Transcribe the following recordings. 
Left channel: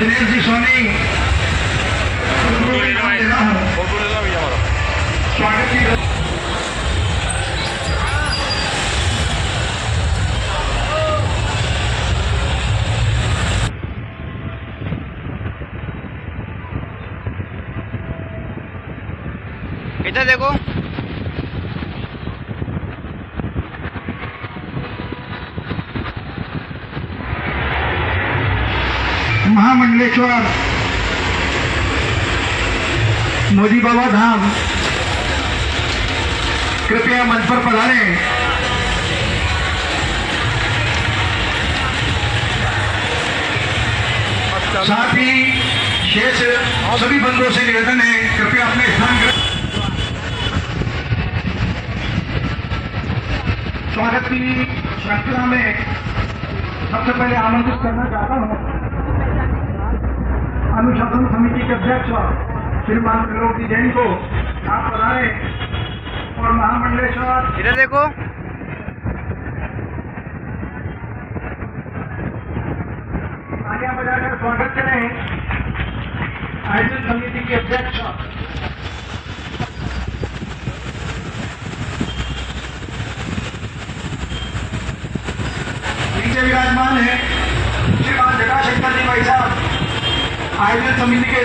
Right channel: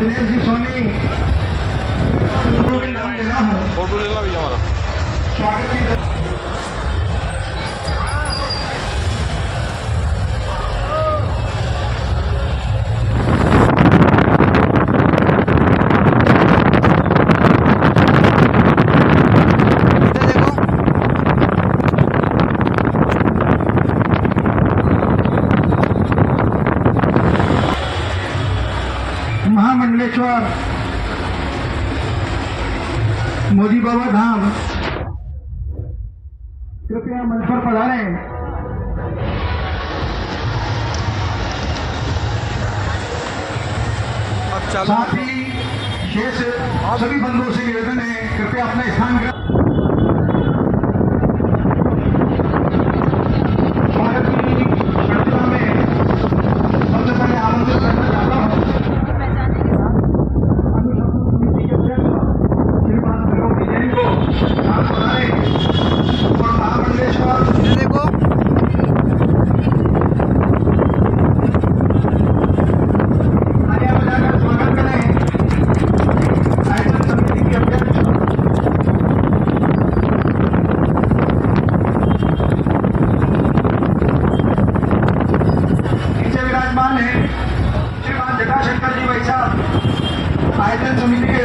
दिनेश जी सोनी स्वागत की महामंडलेश्वर मोदी बाबा धाम कृपया मंच पर पधारें। साथ ही शेष सभी बंधुओं से निवेदन है कृपया अपने स्थान स्वागत की श्रृंखला में सबसे पहले आमंत्रित करना चाहता हूँ अनुशासन समिति के अध्यक्ष श्रीमान द्रौपदी जैन को आप बताए और महामंडलेश्वर इधर देखो आगे बजाकर स्वागत करें आयोजन समिति के अध्यक्ष नीचे विराजमान है श्रीमान जटाशंकर जी भाई साहब आयोजन समिति के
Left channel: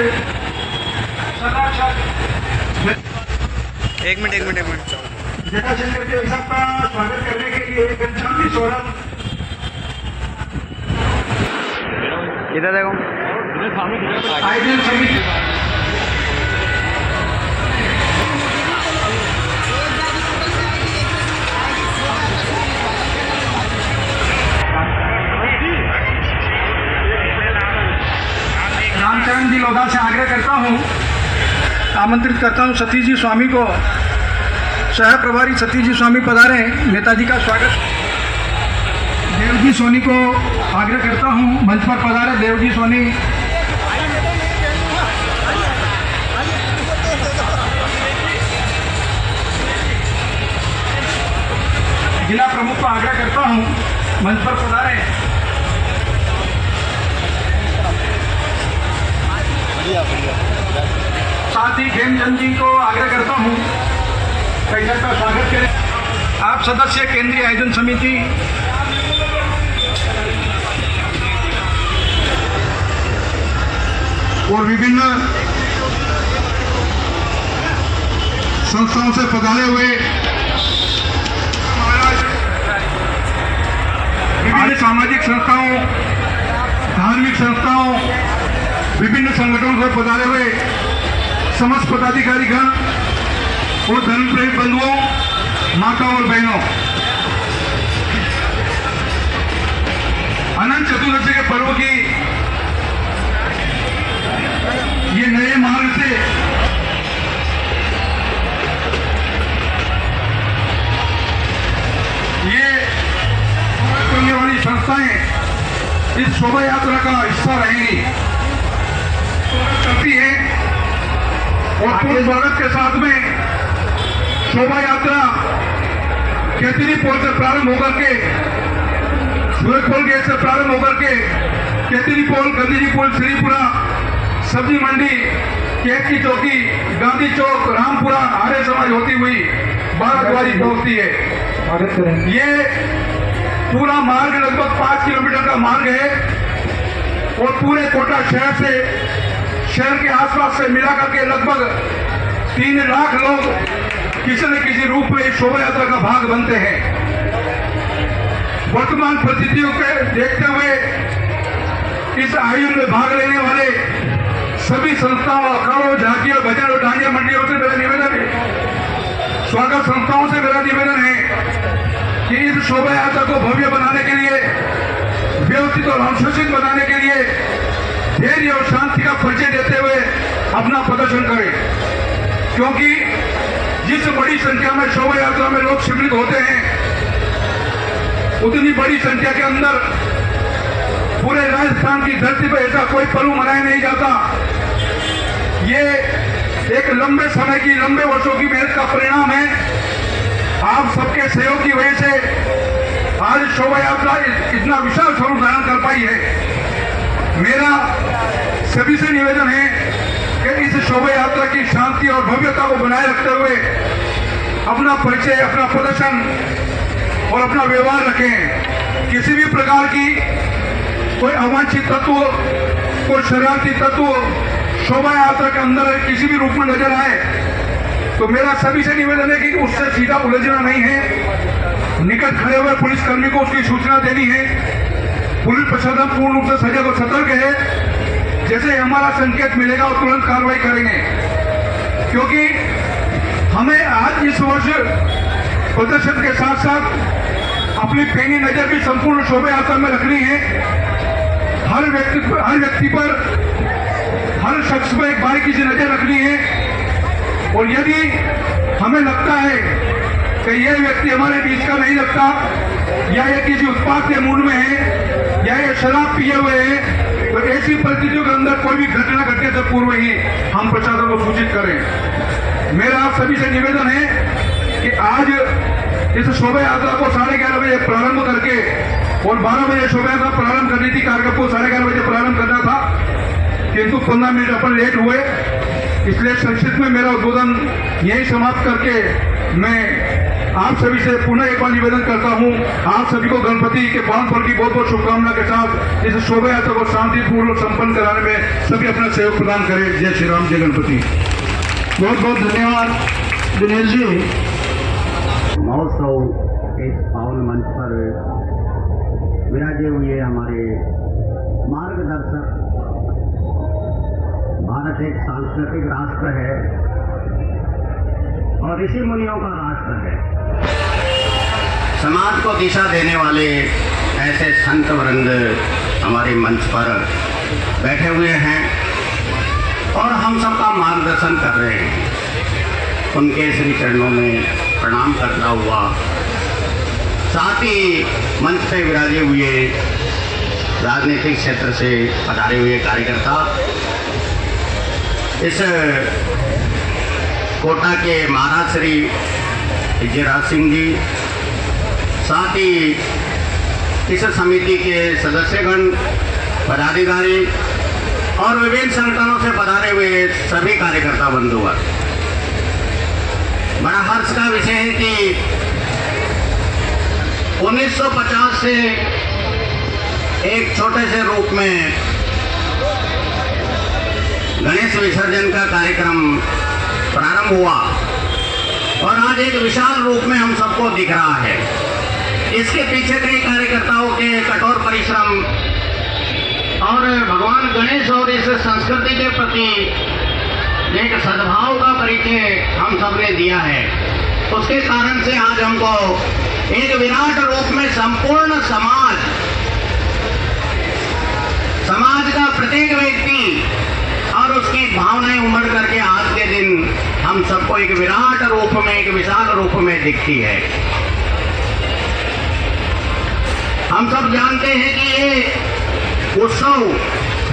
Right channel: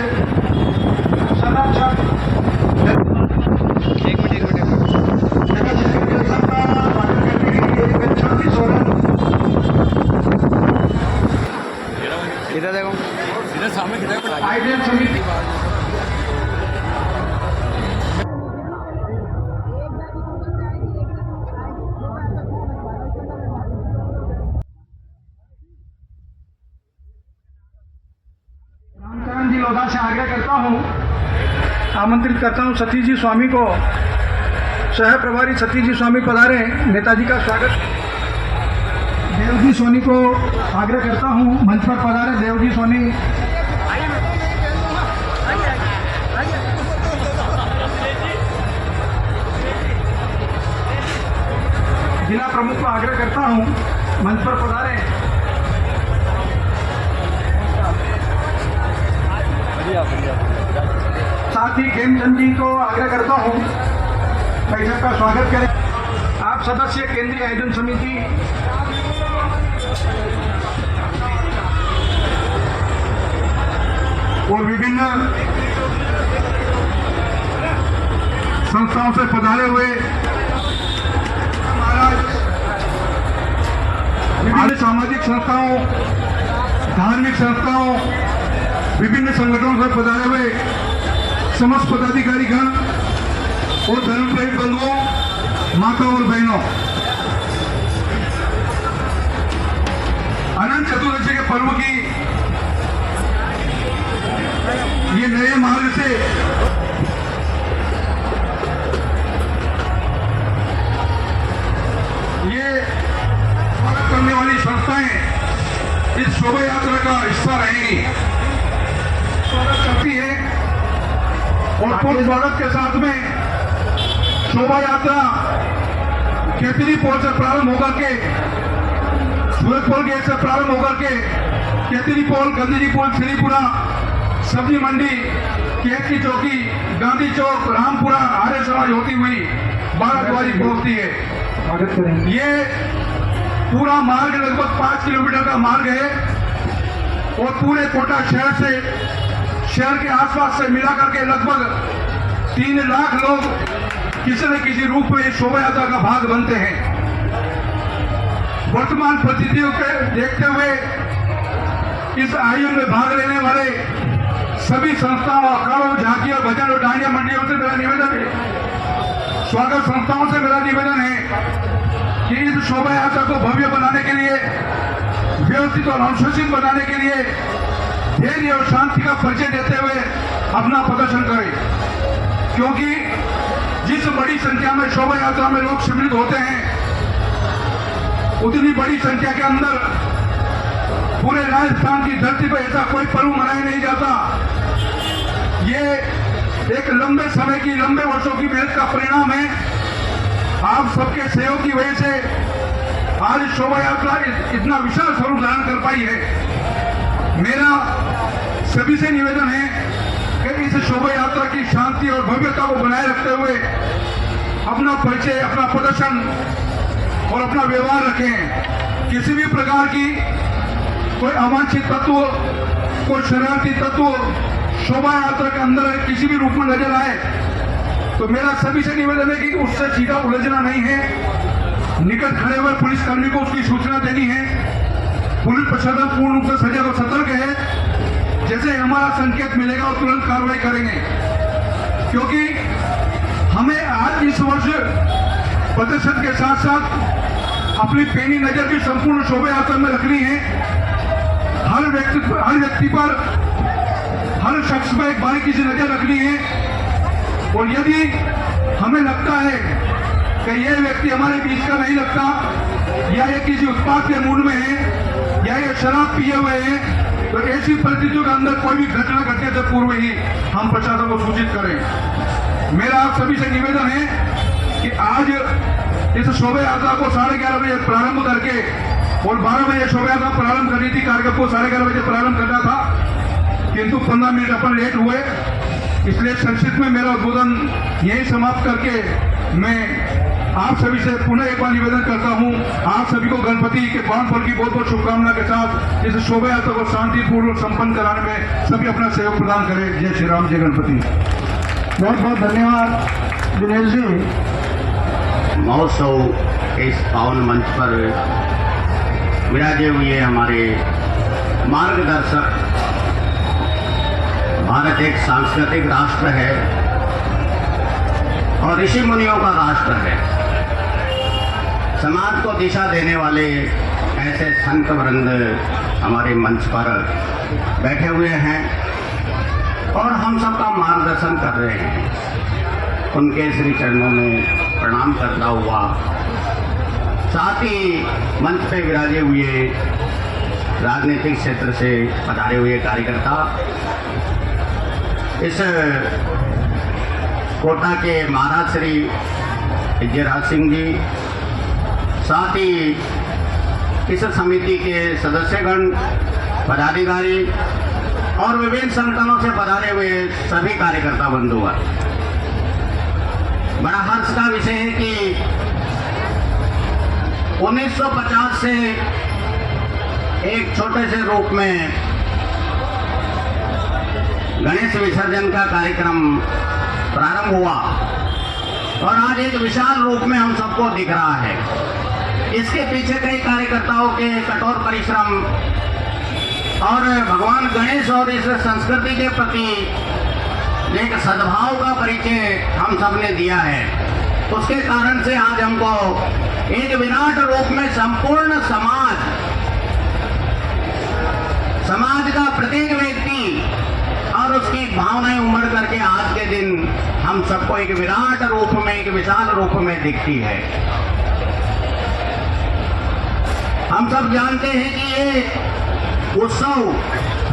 संरक्षक। एक मिनट जटाशंकर जी भाई साहब का स्वागत करने के लिए गच्छामि सोरम। इधर देखो आयोजन समिति रामचरण जी लोधा से आग्रह करता हूँ आमंत्रित करता हूँ सतीश जी स्वामी को सह प्रभारी सतीश जी स्वामी पधारे नेताजी का स्वागत। देवजी सोनी को आग्रह करता हूँ मंच पर पधारे देवजी सोनी। जिला प्रमुख को आग्रह करता हूँ मंच पर पधारे। साथ ही हेमचंद जी को आग्रह करता हूँ परिषद का स्वागत करें। आप सदस्य केंद्रीय आयोजन समिति और विभिन्न संस्थाओं से पधारे हुए विभिन्न सामाजिक संस्थाओं धार्मिक संस्थाओं विभिन्न संगठनों से पधारे हुए समस्त पदाधिकारीगण और धर्मप्रेमी बंधुओं माता और बहनों, अनंत चतुर्दशी के पर्व की ये नए मार्ग से ये करने वाली संस्थाएं इस शोभा यात्रा का हिस्सा रहेंगी करती है और पूर्ण स्वागत के साथ में शोभा यात्रा केतरी पोल से प्रारंभ होकर के सूरजपोल गेट से प्रारंभ होकर के केतरी पोल गंदीजी पोल श्रीपुरा सब्जी मंडी केक की चौकी गांधी चौक रामपुरा आर्य समाज होती हुई बाराद्वारी पहुंचती है। ये पूरा मार्ग लगभग 5 किलोमीटर का मार्ग है और पूरे कोटा शहर से शहर के आसपास से मिलाकर के लगभग 3 लाख लोग किसी न किसी रूप में शोभा यात्रा का भाग बनते हैं। वर्तमान परिस्थितियों को देखते हुए इस आयोजन में भाग लेने वाले सभी संस्थाओं अखाड़ों झांकियों भजन और डांडिया मंडलियों से मेरा निवेदन है, स्वागत संस्थाओं से मेरा निवेदन है कि इस शोभा यात्रा को भव्य बनाने के लिए व्यवस्थित और अनुशासित बनाने के लिए धैर्य और शांति का परिचय देते हुए अपना प्रदर्शन करें, क्योंकि जिस बड़ी संख्या में शोभा यात्रा में लोग सम्मिलित होते हैं उतनी बड़ी संख्या के अंदर पूरे राजस्थान की धरती पर ऐसा कोई पर्व मनाया नहीं जाता। ये एक लंबे समय की लंबे वर्षों की मेहनत का परिणाम है। आप सबके सहयोग की वजह से आज शोभा यात्रा इतना विशाल स्वरूप धारण कर पाई है। मेरा सभी से निवेदन है कि इस शोभा यात्रा की शांति और भव्यता को बनाए रखते हुए अपना परिचय, अपना प्रदर्शन और अपना व्यवहार रखें। किसी भी प्रकार की कोई अवांछित तत्व, कोई शरारती तत्व शोभा यात्रा के अंदर किसी भी रूप में नजर आए तो मेरा सभी से निवेदन है कि उससे सीधा उलझना नहीं है, निकट खड़े हुए पुलिसकर्मी को उसकी सूचना देनी है। पुलिस प्रशासन पूर्ण रूप से सजग और सतर्क है, जैसे हमारा संकेत मिलेगा और तुरंत कार्रवाई करेंगे, क्योंकि हमें आज इस वर्ष प्रदर्शन के साथ साथ अपनी पैनी नजर भी संपूर्ण शोभा यात्रा में रखनी है। हर व्यक्ति पर, हर शख्स पर एक बारीकी से नजर रखनी है। और यदि हमें लगता है कि यह व्यक्ति हमारे बीच का नहीं लगता, या ये किसी उत्पाद के मूड में है, या ये शराब पिए हुए हैं, तो ऐसी परिस्थितियों के अंदर कोई भी घटना घटने से पूर्व ही हम प्रशासन को सूचित करें। मेरा आप सभी से निवेदन है कि आज इस शोभा यात्रा को 11:30 बजे प्रारंभ करके और 12 बजे शोभा यात्रा प्रारंभ करनी थी, कार्यक्रम को 11:30 बजे प्रारंभ करना था, किंतु 15 मिनट अपन लेट हुए, इसलिए संक्षिप्त में मेरा उद्बोधन यही समाप्त करके मैं आप सभी से पुनः एक बार निवेदन करता हूं, आप सभी को गणपति के पावन पर्व की बहुत बहुत शुभकामना के साथ इस शोभा यात्रा को शांतिपूर्वक संपन्न कराने में सभी अपना सहयोग प्रदान करें। जय श्री राम, जय गणपति। बहुत बहुत धन्यवाद दिनेश जी। महोत्सव के इस पावन मंच पर विराजे हुए हमारे मार्गदर्शक, भारत एक सांस्कृतिक राष्ट्र है और ऋषि मुनियों का राष्ट्र है। समाज को दिशा देने वाले ऐसे संत वृंद हमारे मंच पर बैठे हुए हैं और हम सबका मार्गदर्शन कर रहे हैं। उनके श्री चरणों में प्रणाम करता हुआ, साथ ही मंच पे विराजे हुए राजनीतिक क्षेत्र से पधारे हुए कार्यकर्ता, इस कोटा के महाराज श्री विजयराज सिंह जी, साथ ही इस समिति के सदस्यगण, पदाधिकारी और विभिन्न संगठनों से पधारे हुए सभी कार्यकर्ता बंधुवर, बड़ा हर्ष का विषय है कि 1950 से एक छोटे से रूप में गणेश विसर्जन का कार्यक्रम प्रारंभ हुआ और आज एक विशाल रूप में हम सबको दिख रहा है। इसके पीछे कई कार्यकर्ताओं के कठोर परिश्रम और भगवान गणेश और इस संस्कृति के प्रति एक सद्भाव का परिचय हम सबने दिया है। उसके कारण से आज हमको एक विराट रूप में संपूर्ण समाज का प्रत्येक व्यक्ति और उसकी भावनाएं उमड़ करके आज के दिन हम सबको एक विराट रूप में, एक विशाल रूप में दिखती है। हम सब जानते हैं कि ये उत्सव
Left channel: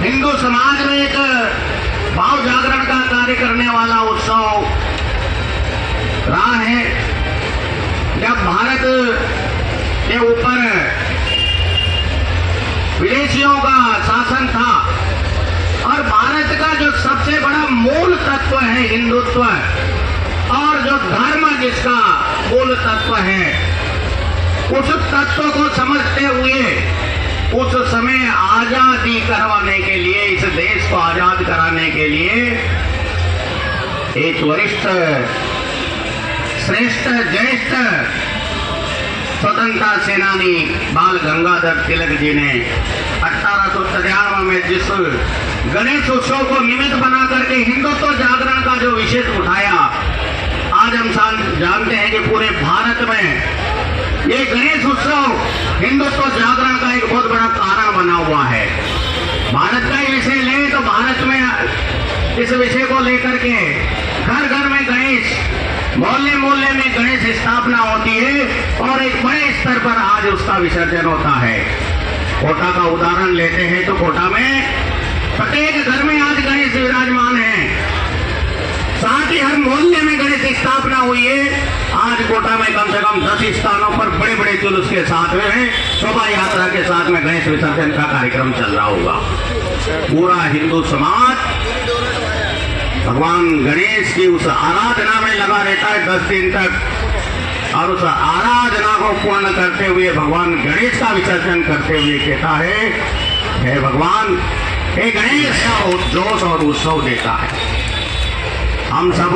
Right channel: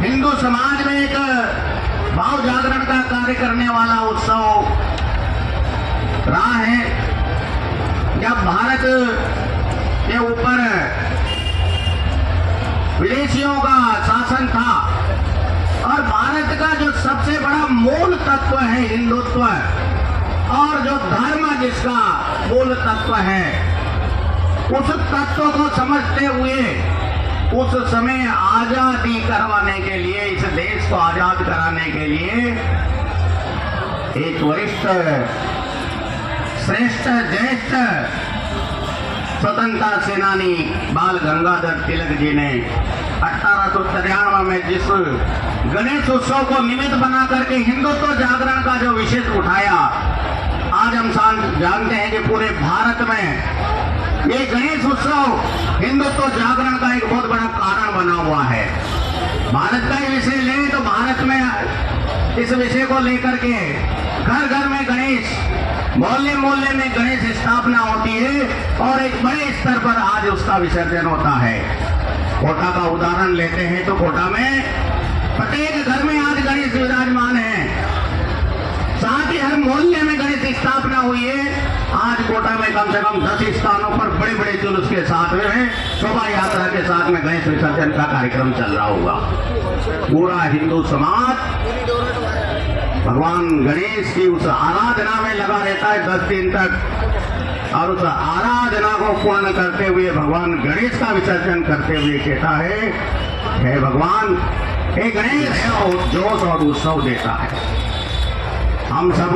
हिंदू समाज में एक भाव जागरण का कार्य करने वाला उत्सव रहा है। जब भारत के ऊपर विदेशियों का शासन था और भारत का जो सबसे बड़ा मूल तत्व है हिंदुत्व, और जो धर्म जिसका मूल तत्व है, उस तत्व को समझते हुए उस समय आजादी करवाने के लिए, इस देश को आजाद कराने के लिए एक वरिष्ठ, श्रेष्ठ, ज्येष्ठ स्वतंत्रता सेनानी बाल गंगाधर तिलक जी ने 1893 में जिस गणेश उत्सव को निमित्त बना करके हिंदुत्व जागरण का जो विषय उठाया, आज हम जानते हैं कि पूरे भारत में ये गणेश उत्सव हिंदुत्व जागरण का एक बहुत बड़ा कारण बना हुआ है। भारत का ही विषय ले तो भारत में इस विषय को लेकर के घर घर में गणेश, मोहल्ले मोहल्ले में गणेश स्थापना होती है और एक बड़े स्तर पर आज उसका विसर्जन होता है। कोटा का उदाहरण लेते हैं तो कोटा में प्रत्येक घर में आज गणेश विराजमान है, साथ ही हर मोहल्ले में गणेश स्थापना हुई है। आज कोटा में कम से कम 10 स्थानों पर बड़े बड़े जुलूस के साथ में शोभा यात्रा के साथ में गणेश विसर्जन का कार्यक्रम चल रहा होगा। पूरा हिंदू समाज भगवान गणेश की उस आराधना में लगा रहता है 10 दिन तक, और उस आराधना को पूर्ण करते हुए भगवान गणेश का विसर्जन करते हुए कहता है, हे भगवान, हे गणेश, बहुत जोश और उत्सव देता है। हम सब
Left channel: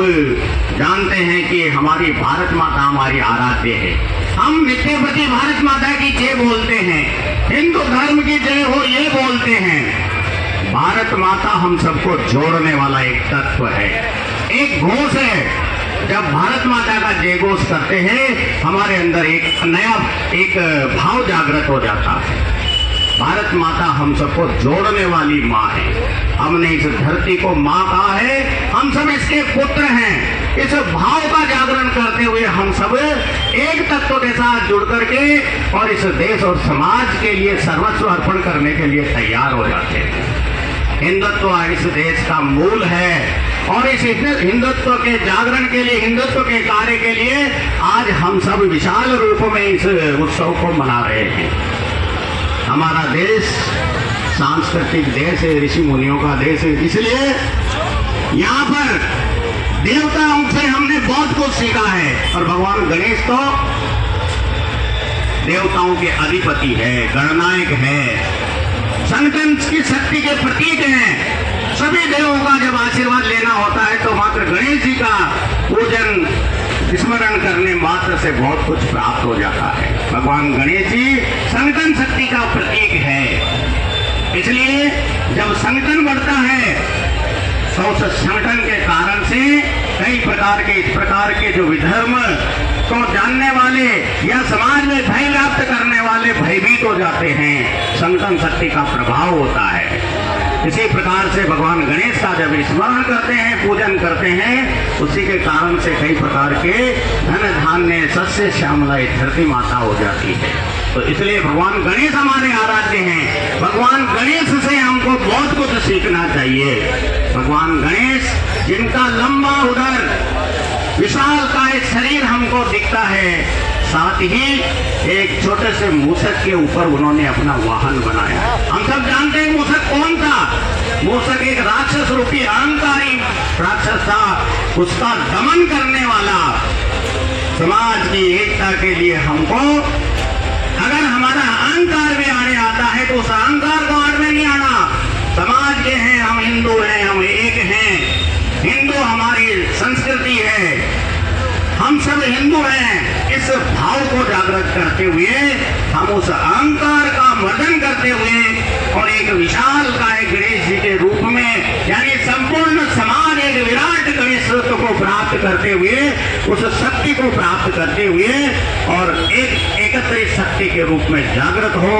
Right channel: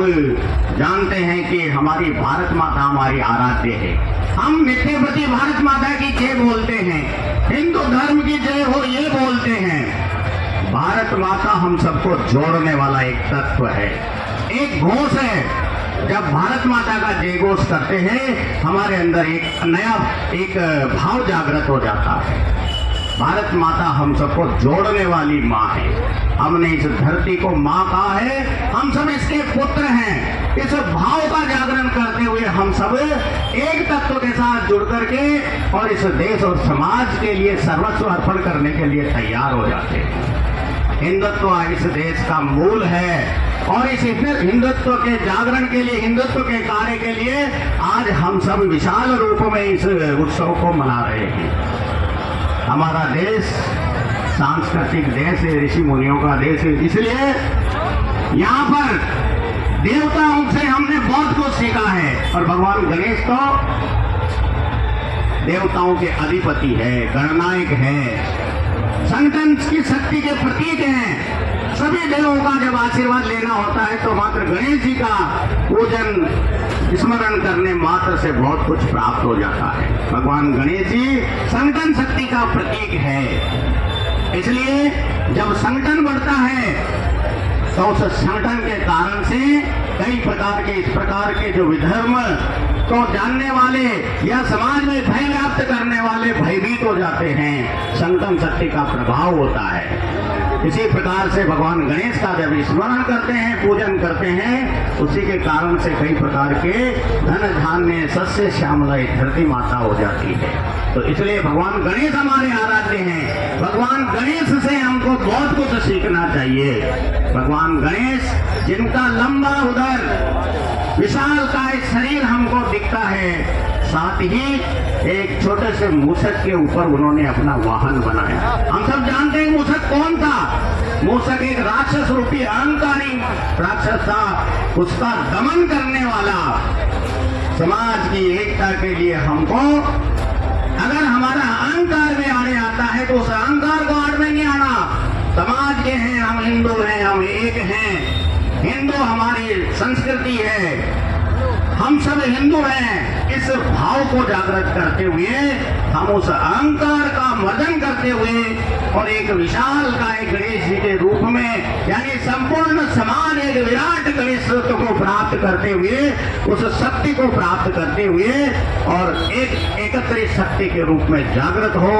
जानते हैं कि हमारी भारत माता हमारी आराध्य है। हम नित्य प्रति भारत माता की जय बोलते हैं, हिंदू धर्म की जय हो ये बोलते हैं। भारत माता हम सबको जोड़ने वाला एक तत्व है, एक घोष है। जब भारत माता का जय घोष करते हैं हमारे अंदर एक नया एक भाव जागृत हो जाता है। भारत माता हम सबको जोड़ने वाली माँ है। हमने इस धरती को माँ कहा है, हम सब इसके पुत्र हैं। इस भाव का जागरण करते हुए हम सब एक तत्व के साथ जुड़ करके और इस देश और समाज के लिए सर्वस्व अर्पण करने के लिए तैयार हो जाते हैं। हिंदुत्व इस देश का मूल है और इस हिंदुत्व के जागरण के लिए, हिंदुत्व के कार्य के लिए आज हम सब विशाल रूप में इस उत्सव को मना रहे हैं। हमारा देश सांस्कृतिक देश है, ऋषि मुनियों का देश है, इसलिए यहाँ पर देवताओं से हमने बहुत कुछ सीखा है। और भगवान गणेश तो देवताओं के अधिपति है, गणनायक है, संगठन की शक्ति के प्रतीक हैं। सभी देवों का जब आशीर्वाद लेना होता है तो मात्र गणेश जी का पूजन स्मरण करने मात्र से बहुत कुछ प्राप्त हो जाता है। भगवान गणेश जी संगठन शक्ति का प्रतीक है। इसलिए जब संगठन बढ़ता है तो उस संगठन के कारण से कई प्रकार के इस प्रकार के जो विधर्म को जानने वाले या समाज में भय व्याप्त करने वाले भयभीत हो जाते हैं। संगठन शक्ति का प्रभाव होता है। इसी प्रकार से भगवान गणेश का जब स्मरण करते हैं, पूजन करते हैं, उसी के कारण से कई प्रकार के धन धान्य सस्य श्यामला धरती माता हो जाती है। तो इसलिए भगवान गणेश हमारे आराध्य हैं। भगवान गणेश से हमको बहुत कुछ सीखना चाहिए। भगवान गणेश जिनका लंबा उदर विशाल का एक शरीर हमको दिखता है, साथ ही एक छोटे से मूषक के ऊपर उन्होंने अपना वाहन बनाया। हम सब जानते हैं मूषक कौन था। मूषक एक राक्षस रूपी अहंकारी राक्षस था। उसका दमन करने वाला समाज की एकता के लिए हमको अगर हमारा अहंकार में आने आता है तो उस अहंकार को आड़ में नहीं आना। समाज के हैं, हम हिंदू हैं, हम एक हैं, हिंदू हमारी संस्कृति है, हम सब हिंदू हैं। इस भाव को जागृत करते हुए हम उस अहंकार का मर्दन करते हुए और एक विशाल काय गणेश जी के रूप में यानी संपूर्ण समाज एक विराट गणेश को प्राप्त करते हुए, उस शक्ति को प्राप्त करते हुए और एक एकत्रित शक्ति के रूप में जागृत हो,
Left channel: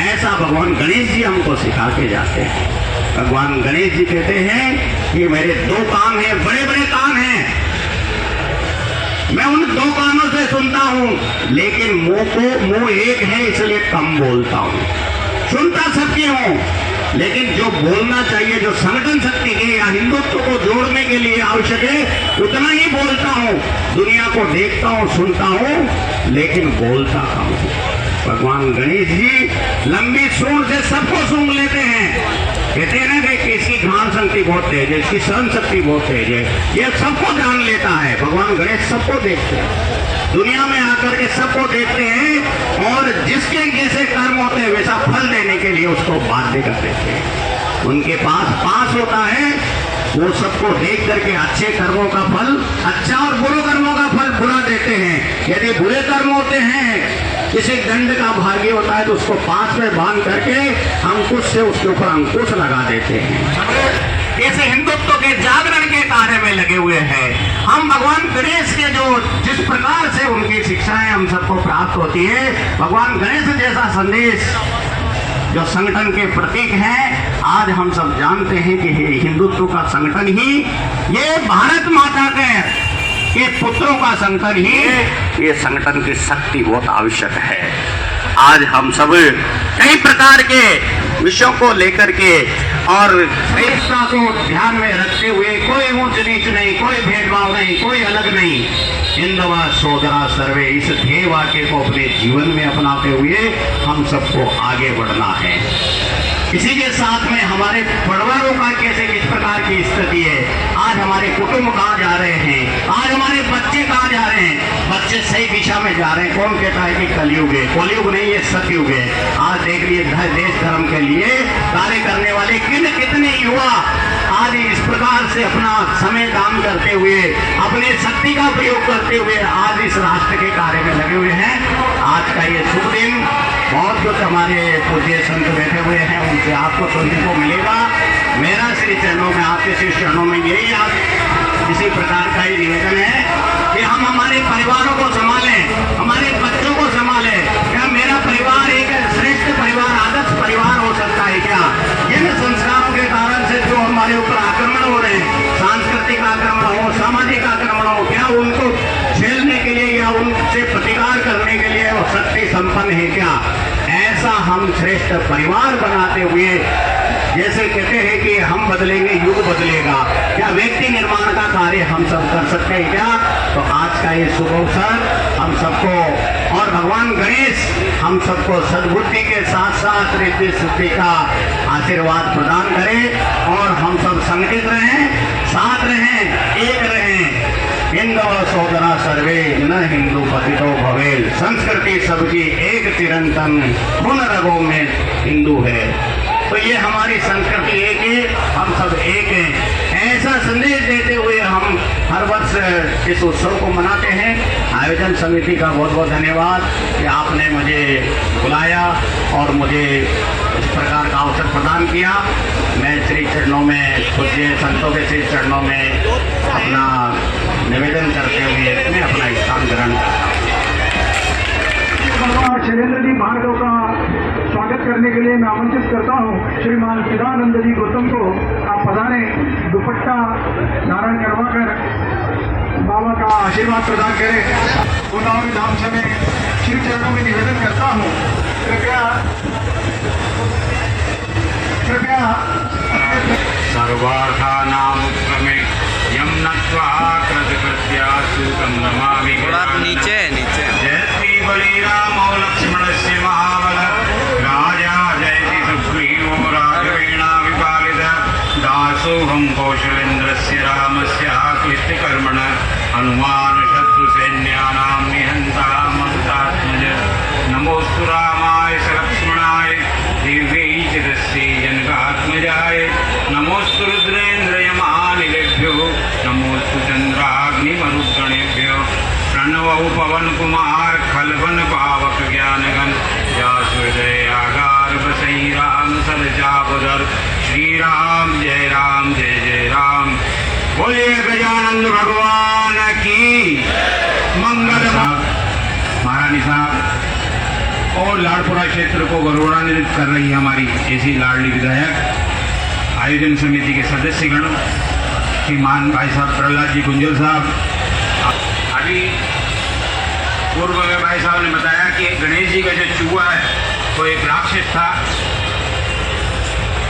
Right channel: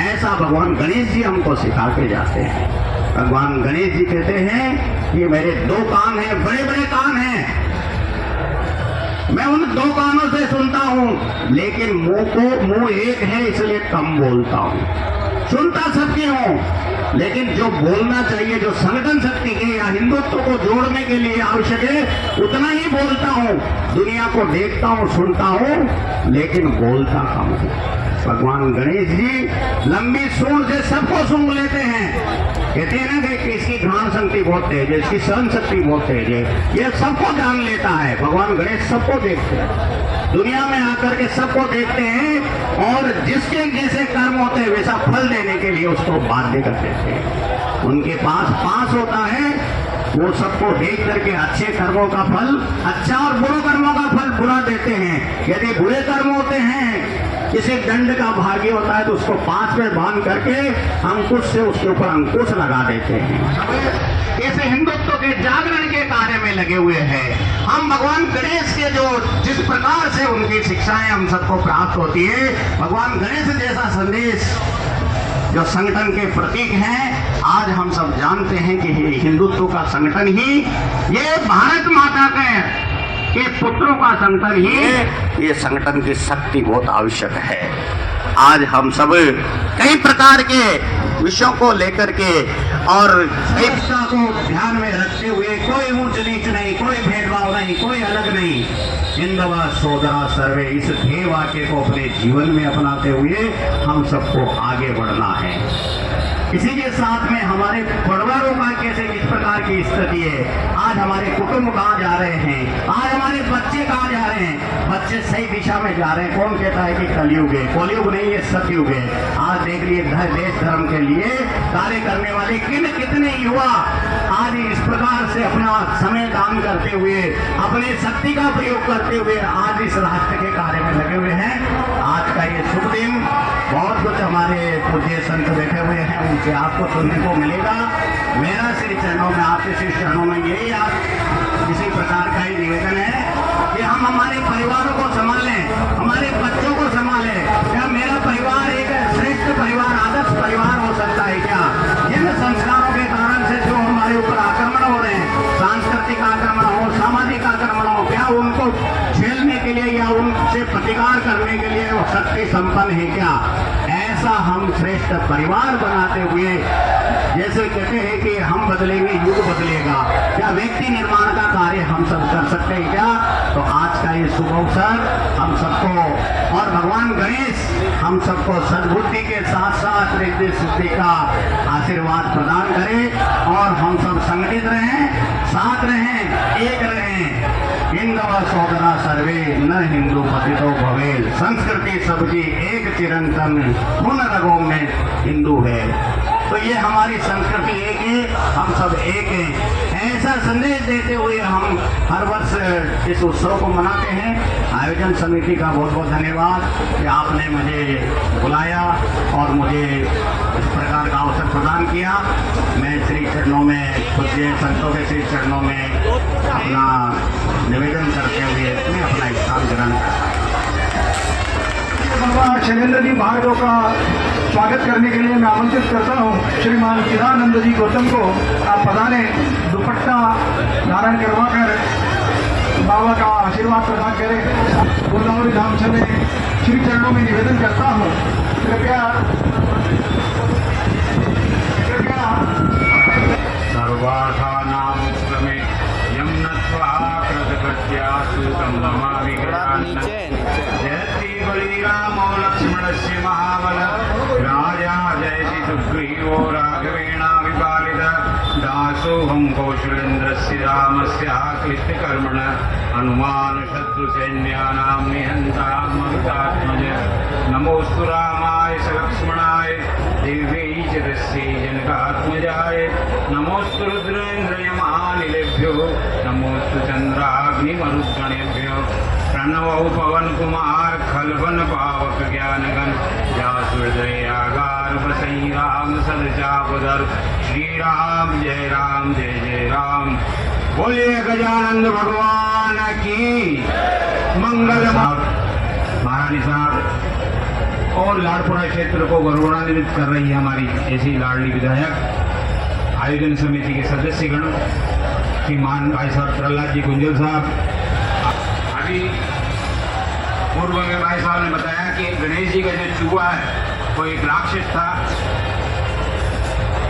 ऐसा भगवान गणेश जी हमको सिखा के जाते हैं। भगवान गणेश जी कहते हैं कि मेरे दो कान हैं, बड़े बड़े कान हैं, मैं उन दो कानों से सुनता हूं, लेकिन मुंह एक है इसलिए कम बोलता हूं। सुनता सबकी हूं, लेकिन जो बोलना चाहिए, जो संगठन शक्ति के या हिंदुत्व को जोड़ने के लिए आवश्यक है, उतना ही बोलता हूं। दुनिया को देखता हूं, सुनता हूं, लेकिन बोलता कम हूं। भगवान गणेश जी लंबी सूंड से सबको सूंघ लेते हैं। कहते हैं ना कि इसकी घ्राण शक्ति बहुत तेज है, इसकी सहन शक्ति बहुत तेज है, ये सबको जान लेता है। भगवान गणेश सबको देखते हैं, दुनिया में आकर के सबको देखते हैं और जिसके जैसे कर्म होते हैं वैसा फल देने के लिए उसको बाध्य कर देते हैं। उनके पास होता है, वो सबको देख करके अच्छे कर्मों का फल अच्छा और बुरे कर्मों का फल बुरा देते हैं। यदि बुरे कर्म होते हैं, किसी दंड का भागी होता है तो उसको 5 में बांध करके अंकुश से उसके ऊपर अंकुश लगा देते हैं। ऐसे हिंदुत्व के जागरण के कार्य में लगे हुए हैं। हम भगवान गणेश के जो जिस प्रकार से उनकी शिक्षाएं हम सबको प्राप्त होती है, भगवान गणेश जैसा संदेश जो संगठन के प्रतीक हैं, आज हम सब जानते हैं कि हिंदुत्व का संगठन ही ये भारत माता के पुत्रों का संगठन ही है। ये संगठन की शक्ति बहुत आवश्यक है। आज हम सब कई प्रकार के विषयों को लेकर के और एकता को ध्यान में रखते हुए, कोई ऊंच नीच नहीं, कोई भेदभाव नहीं, कोई अलग नहीं, हिंदव सोदरा सर्वे, इस ध्येय वाक्य को अपने जीवन में अपनाते हुए हम सबको आगे बढ़ना है। इसी के साथ में हमारे परिवारों का कैसे किस प्रकार की स्थिति है, आज हमारे कुटुंब कहाँ जा रहे हैं, आज हमारे बच्चे कहाँ जा रहे हैं, बच्चे सही दिशा में जा रहे हैं। कौन कहता है कि कलयुग है, कलयुग नहीं है, सतयुग है। आज देख लिए देश धर्म के लिए कार्य करने वाले कितने युवा आज इस प्रकार से अपना समय दान करते हुए, अपने शक्ति का प्रयोग करते हुए आज इस राष्ट्र के कार्य में लगे हुए हैं। आज का ये शुभ दिन, बहुत कुछ हमारे पूज्य संत बैठे हुए हैं, उनसे आपको सुनने को मिलेगा। मेरा श्री चरणों में, आपके श्री चरणों में यही इसी प्रकार का ही निवेदन है कि हम हमारे परिवारों को संभालें, हमारे बच्चों को संभालें। क्या मेरा परिवार एक श्रेष्ठ परिवार, आदर्श परिवार हो सकता है क्या? जिन संस्कारों के कारण से जो हमारे ऊपर आक्रमण हो रहे हैं, सांस्कृतिक आक्रमण हो, सामाजिक आक्रमण हो, क्या उनको झेलने के लिए या उनसे प्रतिकार करने के लिए वो शक्ति संपन्न है क्या? ऐसा हम श्रेष्ठ परिवार बनाते हुए, जैसे कहते हैं कि हम बदलेंगे युग बदलेगा, क्या व्यक्ति निर्माण का कार्य हम सब कर सकते हैं क्या? तो आज का ये शुभ अवसर हम सबको और भगवान गणेश हम सबको सद्बुद्धि के साथ साथ रिद्धि सिद्धि का आशीर्वाद प्रदान करें और हम सब संगठित रहें, साथ रहें, एक रहें। हिंदव सोदरा सर्वे न हिंदू पतितो भवे, संस्कृति सबकी एक चिरंतन, खून रगों में हिंदू है। तो ये हमारी संस्कृति एक है, हम सब एक हैं। ऐसा संदेश देते हुए हम हर वर्ष इस उत्सव को मनाते हैं। आयोजन समिति का बहुत बहुत धन्यवाद कि आपने मुझे बुलाया और मुझे इस प्रकार का अवसर प्रदान किया। मैं श्री चरणों में, पूज्य संतों के श्री चरणों में अपना निवेदन करते हुए मैं अपना स्थान ग्रहण शैलेंद्र जी भार्गव का स्वागत करने के लिए मैं आमंत्रित करता हूँ। श्रीमान चिदानंद जी गौतम को आप पधारें, दुपट्टा धारण करवाकर बाबा का आशीर्वाद प्रदान करें। गोदावरी धाम से मैं श्री चरणों में निवेदन करता हूँ, कृपया सर्वार्थानां क्रमे यम नत्वा कृतकृत्यासुतं नमामि। थोड़ा नीचे जय श्री बलिराम लक्ष्मणस्य महाबल राजा जयति सुग्रीवो राघवेण विपालित दासोऽहं कौशलेन्द्रस्य रामस्य कृत्यकर्मण हनुमान शत्रुसैन्यानां निहन्ता मरुतात्मज। नमोऽस्तु रामाय लक्ष्मणाय दिव्यै च तस्यै जनकात्मजाय। नमोऽस्तु रुद्रेन्द्रयमानिलेभ्यो नमोऽस्तु चन्द्राग्निमरुद्गणेभ्यो। प्रणवौ पवन कुमार खलवन पावक ज्ञानगण जासुहृदय आगार बसई राम सरजापदर। श्री राम जय जय राम। बोलिए गजानंद भगवान की मंगल। महारानी साहब और लाड़पुरा क्षेत्र को गौरवान्वित कर रही है हमारी ऐसी लाडली विधायक आयोजन समिति के सदस्यगण, श्रीमान भाई साहब प्रहलाद जी गुंजल साहब। अभी पूर्व में भाई साहब ने बताया कि गणेश जी का जो चूहा है वो एक राक्षस था।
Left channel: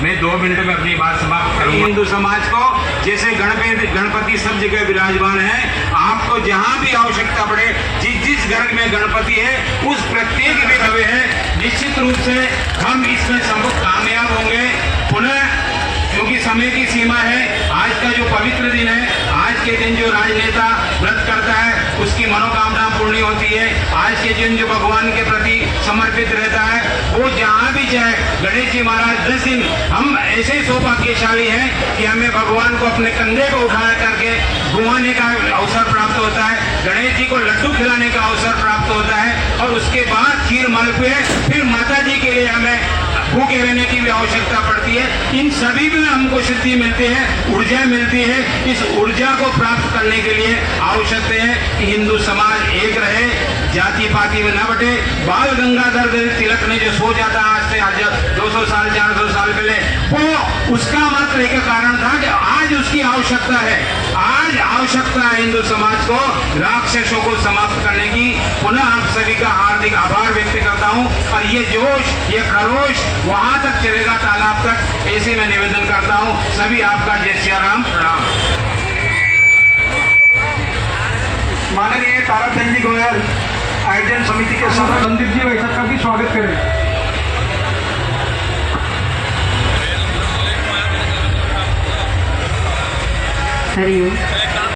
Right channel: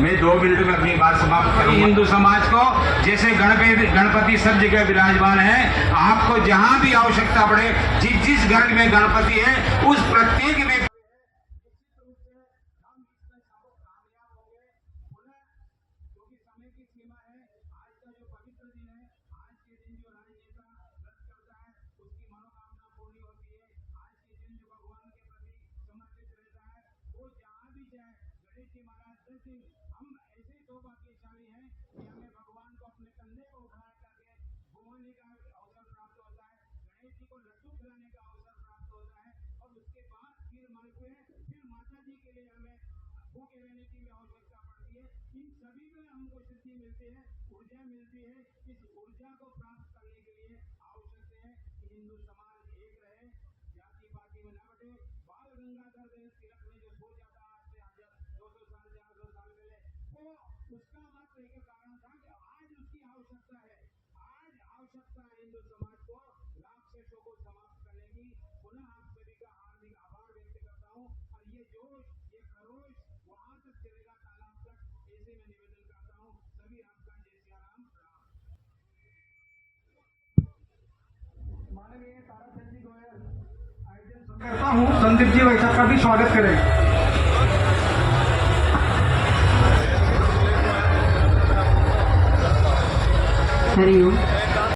मैं 2 मिनट में अपनी बात समाप्त करूंगा। हिंदू समाज को जैसे गणपति सब जगह विराजमान है, आपको जहां भी आवश्यकता पड़े, जिस घर में गणपति है उस प्रत्येक विधवे है, निश्चित रूप से हम इसमें सब कामयाब होंगे। पुनः क्योंकि समय की सीमा है, आज का जो पवित्र दिन है, आज के दिन जो राजनेता व्रत करता है उसकी मनोकामना पूर्ण होती है। आज के दिन जो भगवान के प्रति समर्पित रहता है वो जहाँ भी जाए, गणेश जी महाराज 10 दिन हम ऐसे सौभाग्यशाली हैं कि हमें भगवान को अपने कंधे को उठा करके घुमाने का अवसर प्राप्त होता है, गणेश जी को लड्डू खिलाने का अवसर प्राप्त होता है और उसके बाद खीर मालपुए, फिर माता जी के लिए हमें भूखे रहने की भी आवश्यकता पड़ती है। इन सभी में हमको सिद्धि मिलती है, ऊर्जा मिलती है। इस ऊर्जा को प्राप्त करने के लिए आवश्यक है कि हिंदू समाज एक रहे, जाति पाति में न बटे। बाल गंगाधर तिलक ने जो सोचा था आज से 200 साल 400 साल पहले, वो उसका मात्र एक कारण था कि आज उसकी आवश्यकता है। आज आवश्यकता है हिंदू समाज को राक्षसों को समाप्त करने की। पुनः आप सभी का हार्दिक आभार व्यक्त करता हूँ और ये जोश, ये खरोश वहां तक चलेगा, तालाब तक, ऐसे मैं निवेदन करता हूँ। सभी आपका जय श्री राम, प्रणाम। माननीय ताराचंद जी गोयल आयोजन समिति के संदीप जी वैसा का भी स्वागत करें। हरिओम।